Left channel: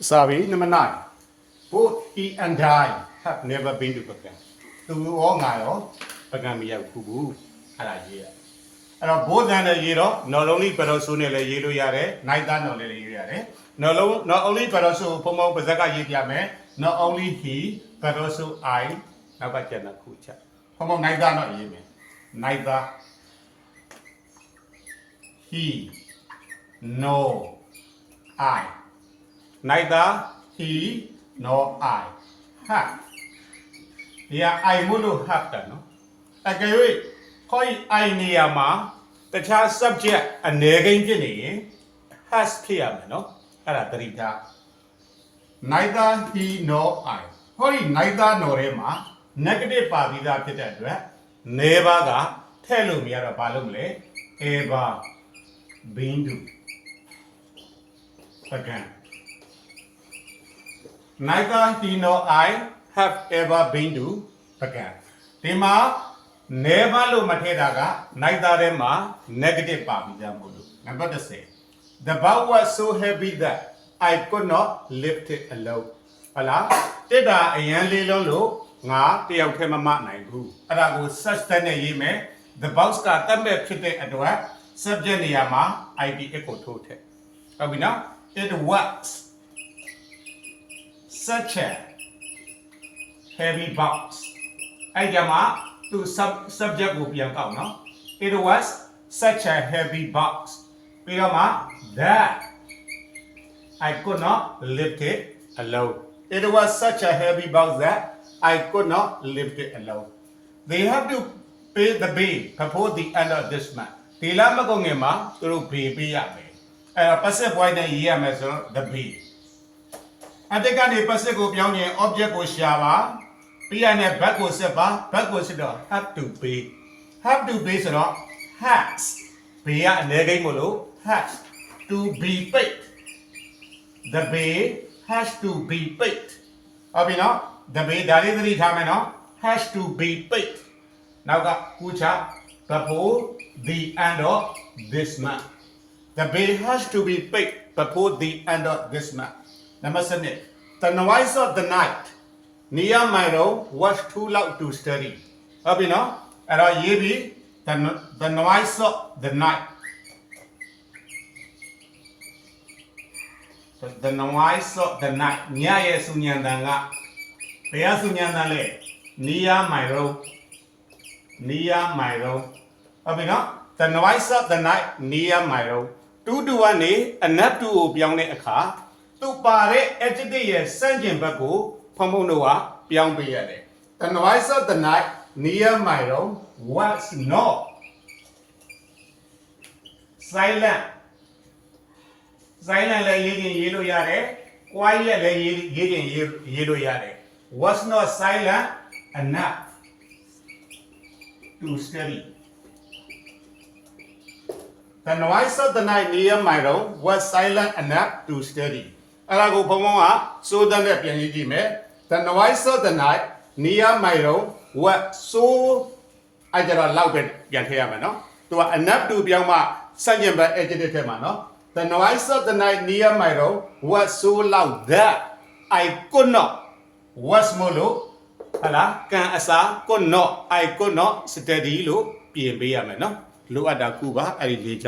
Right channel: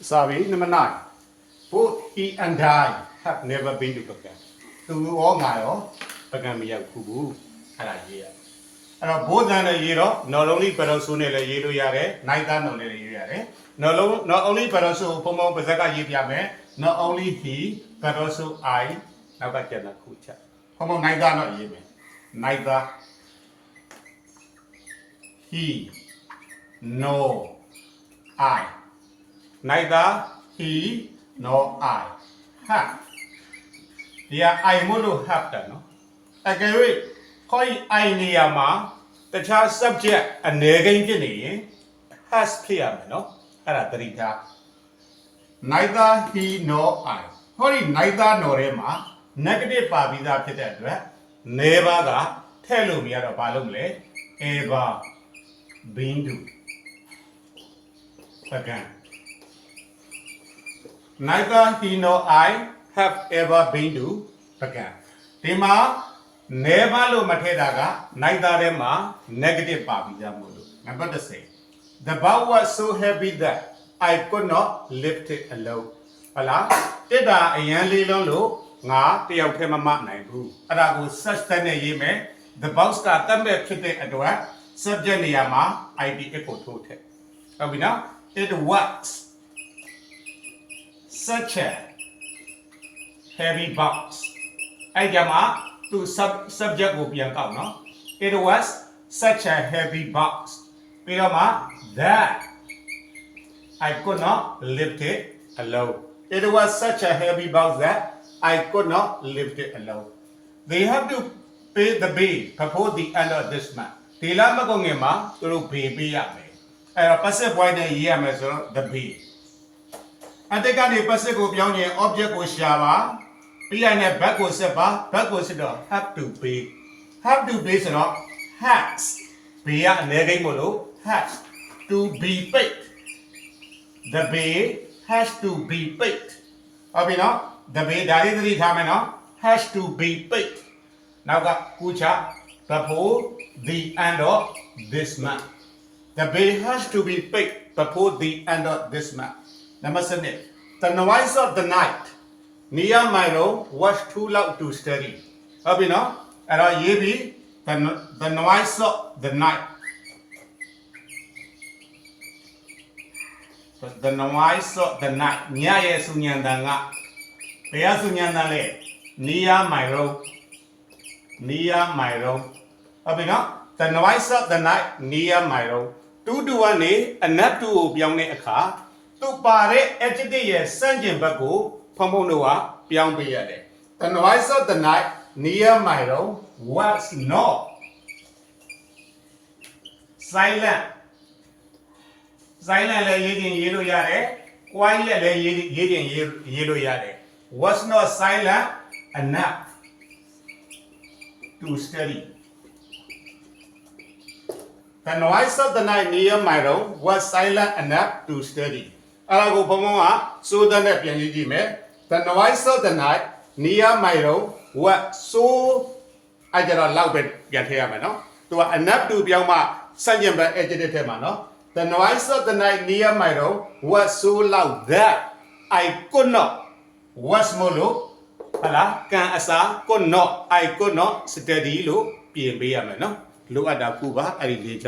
Sorry, number 9. Both he and I have never been to Pagan. To all now, Pagan me have Kubu, Haraya. And both and a year, not only but also Nella Yeru Yare, neither no Yare. Not only but also Pomo Bazaka Yame, not only he, but also I, Nabakana Kucha. Pomo neither not Yeme. Neither he, no, I. Neither he nor I have. Yeah, I will have that, no? Okay, wait. I niyama, the child subject a negative has clear, no? Neither he nor I. Holy neither nor Emma, negative pabida pitadra, never got, tell me a balumle, ever been to. Again. Neither he nor I have ever been to Pagan. Tima never lo materaga, neither Emma negative pabijamulu. Number to say, the bow was so heavy that I could not lift it alone. Allah, Tida a young little low, nga, the Alchemama Naibu. Arago such than a yeme, the bows got them a pity at work, subject Yama, I be equal to it. Abina, it works. Such a heavy box. I gamma to subject will be about no. It was such a heavy box. Pirama that I could not lift it alone. It was such a heavy box that I could not lift it alone. They have to pay the bill before the end of this month. Tila magongema through baby yame. I pass it why the year measure the bill. And they got a possible young object with Shava, Pian back was a bar, back was it have to be. Have to be so has. Pia Nedemolo has to be paid. The bay has to be paid. Abino, the bay Dali Tamino has to be paid. Now got Kucha, before the end of this month. The bay has to be paid before the end of this month. Number 7. The noise of the night near Milo was too loud to study. Abino, and yebi the noise of the night. The noise of the night. Nya Sunyandanga. Pea Sunyandale. Near Milo. Near Milo. Abino, the noise of the night near Milo. Two to one a nap to beyond a car. To pare ejide sanjin baku pomonoa pyang piyade. The noise of the night near Milo was not silent. Silent le yidin yelo yare, quiet le yidin yelo yare. Was not silent enough to study. The noise of the night near Milo was silent enough to study. Arago Pomoa, so the Nepian the noise of the night near Milo was so I get a loud get here, no? To enough to Biama, Sayamba edited mano. The noise of the night near Milo was so loud that I could not. Was Molo, Hala, can asa, I could not steady look, be a no? Look at the Cuba, I did.